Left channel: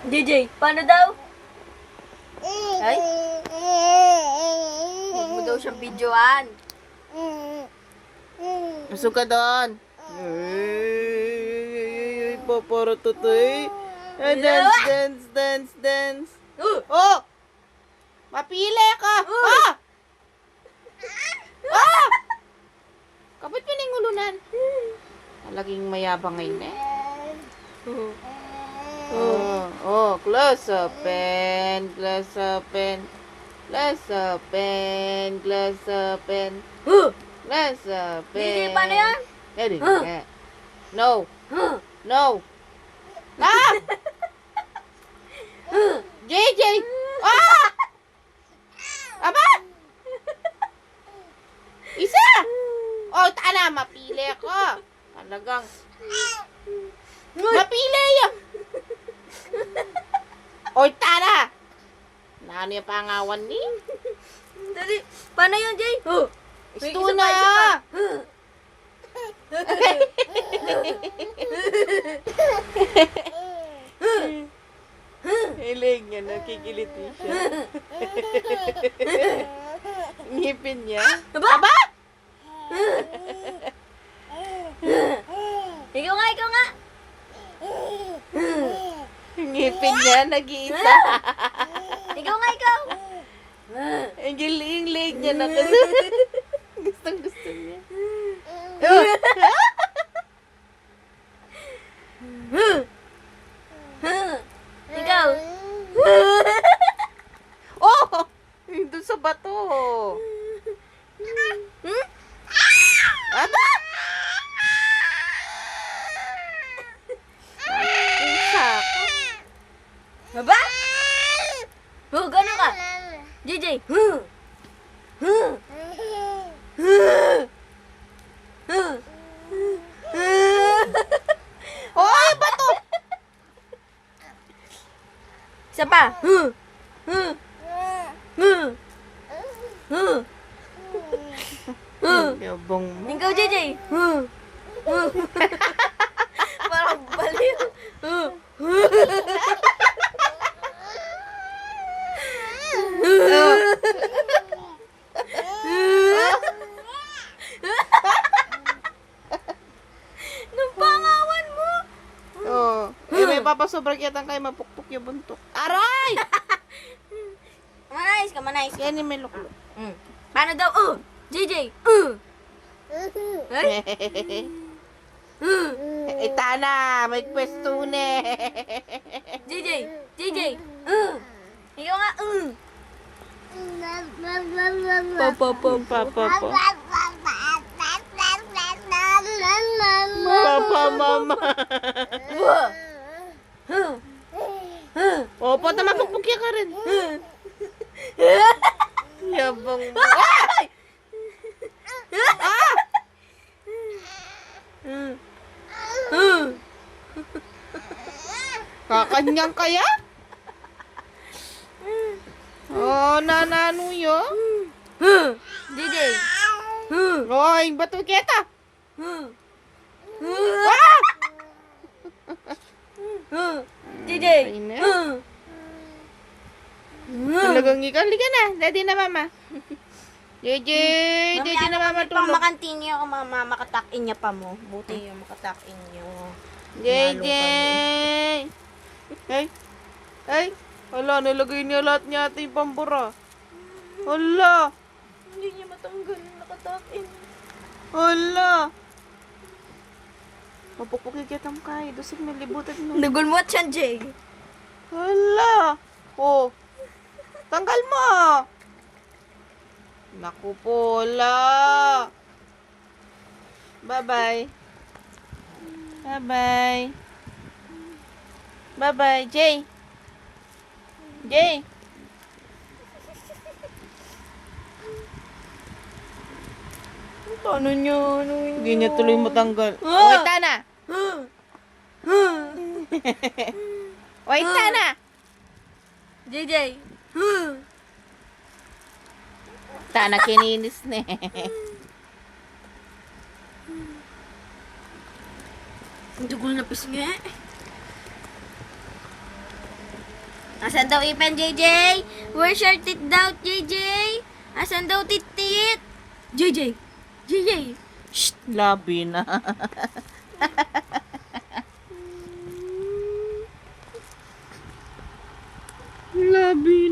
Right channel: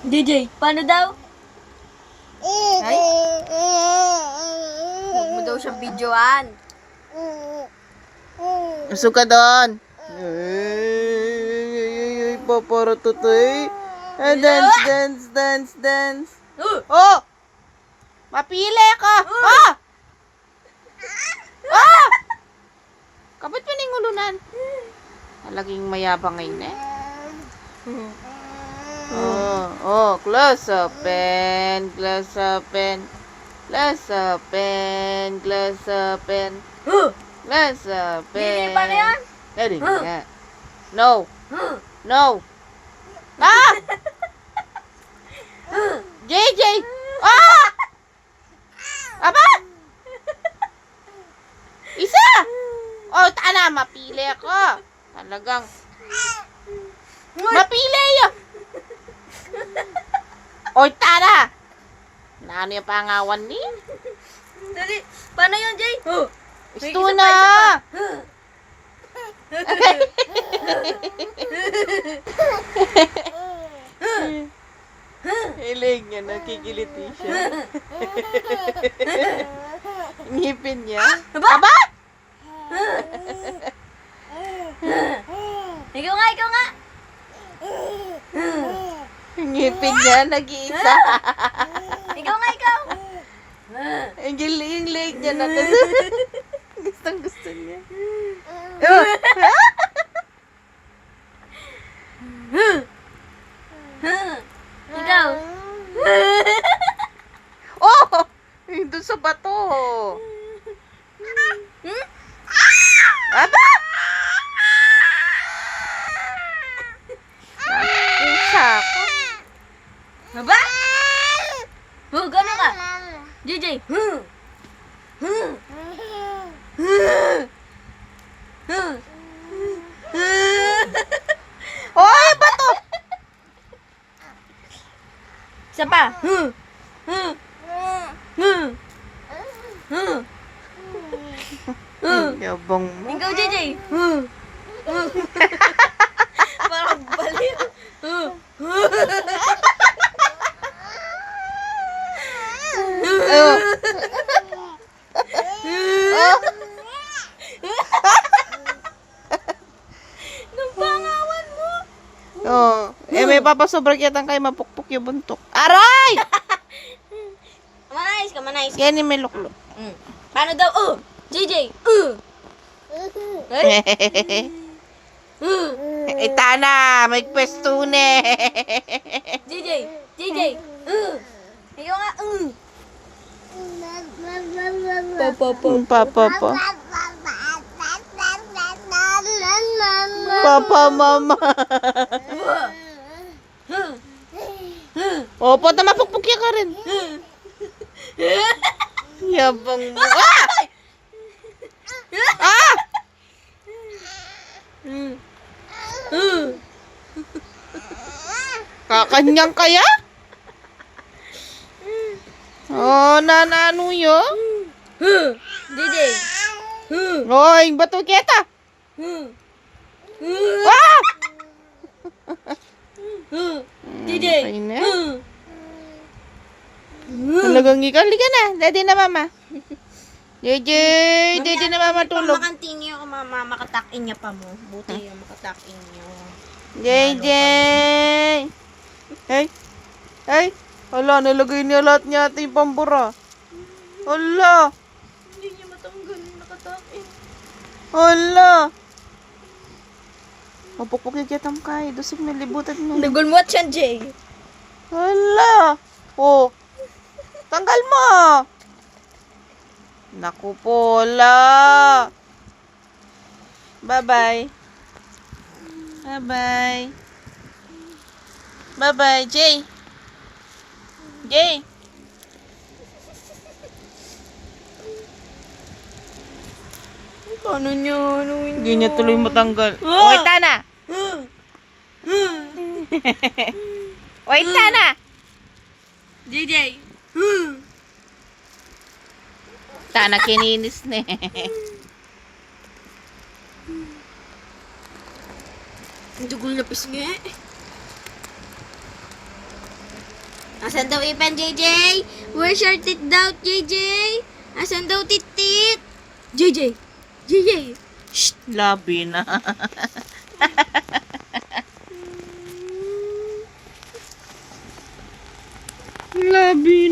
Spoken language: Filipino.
JJ, paano daw? Ay? Huwag mo daw siyang videoan. Usog ka doon. Ay, papara tutoy. Dance, dance, dance, dance. Oh! Mapili ka! Oh! Oh! Kapit pa ning ulunan. Talaging mayabang ngayon eh. Close open, close open, close open, close open, close open. JJ, paano yan? Ready? No. No. Ah! JJ! Ah! Aba! Isa! Oh, tana, mapili ako. Talagang mapili yun. Oy, tara! Naano yung pangawan ni? Dali, paano yan, Jay? Gusto na! Hiling niya, nakikiliti siya. Ngipin niya. Aba! Ikaw nga, ikaw nga. Ngipin niya, nag-iisa. Ikaw nga, ikaw. Ang giling-lig niya na. Gustong-gusto niya. Ikaw. Oh! Yung doon sa bato. Aba! Pusa ka. Baba? Gano'n ka? JJ. Oy, bato! Isa pa. Yabang mo. Ikaw, JJ. Parang baliw. Nung pangawan mo. Oh, may papasobrang yatang kayo mapukpok yung buntok. Aray! Manayos ka, manayos ka. Yan yung may luklok. Paano daw? JJ. Itana, may pwestune. JJ. Ikaw nga. Papa. Papa, mama. Opo, mapukpok yan ka rin. Yabang mo. Ah! Kakanyang kaya? Oh, nanano yun? JJ. Oy, bato kita. Ah! JJ. Ayun na. Talagang ikali ka na. Daddy na mama. JJ na mama tulog. Mamakantin niyo ako, makatakin niya pa mo. Buti yung makatakin niyo. JJ. Hey. Hala, nilagay niya lahat niya ating pambura. Hala. Hindi niya matanggal yung nakatakin. Hala. Mapukpuk yung kiyatam kay. Dusog na libutan mo. Nagulmot siya, Jay. Hala. Oh. Tanggal mo. Naku po, hala. Bye-bye. Bye-bye. Bye-bye, Jay. Jay. Paano niya? Hindi niya tuloy matanggal. Wait, Tana. Wait, Tana. JJ. Tana, kininis na Dugol na pisngi. Asan daw ipan, JJ? Where's your tit daw, JJ? Asan daw tit? JJ! JJ! Shh, labi na. Labi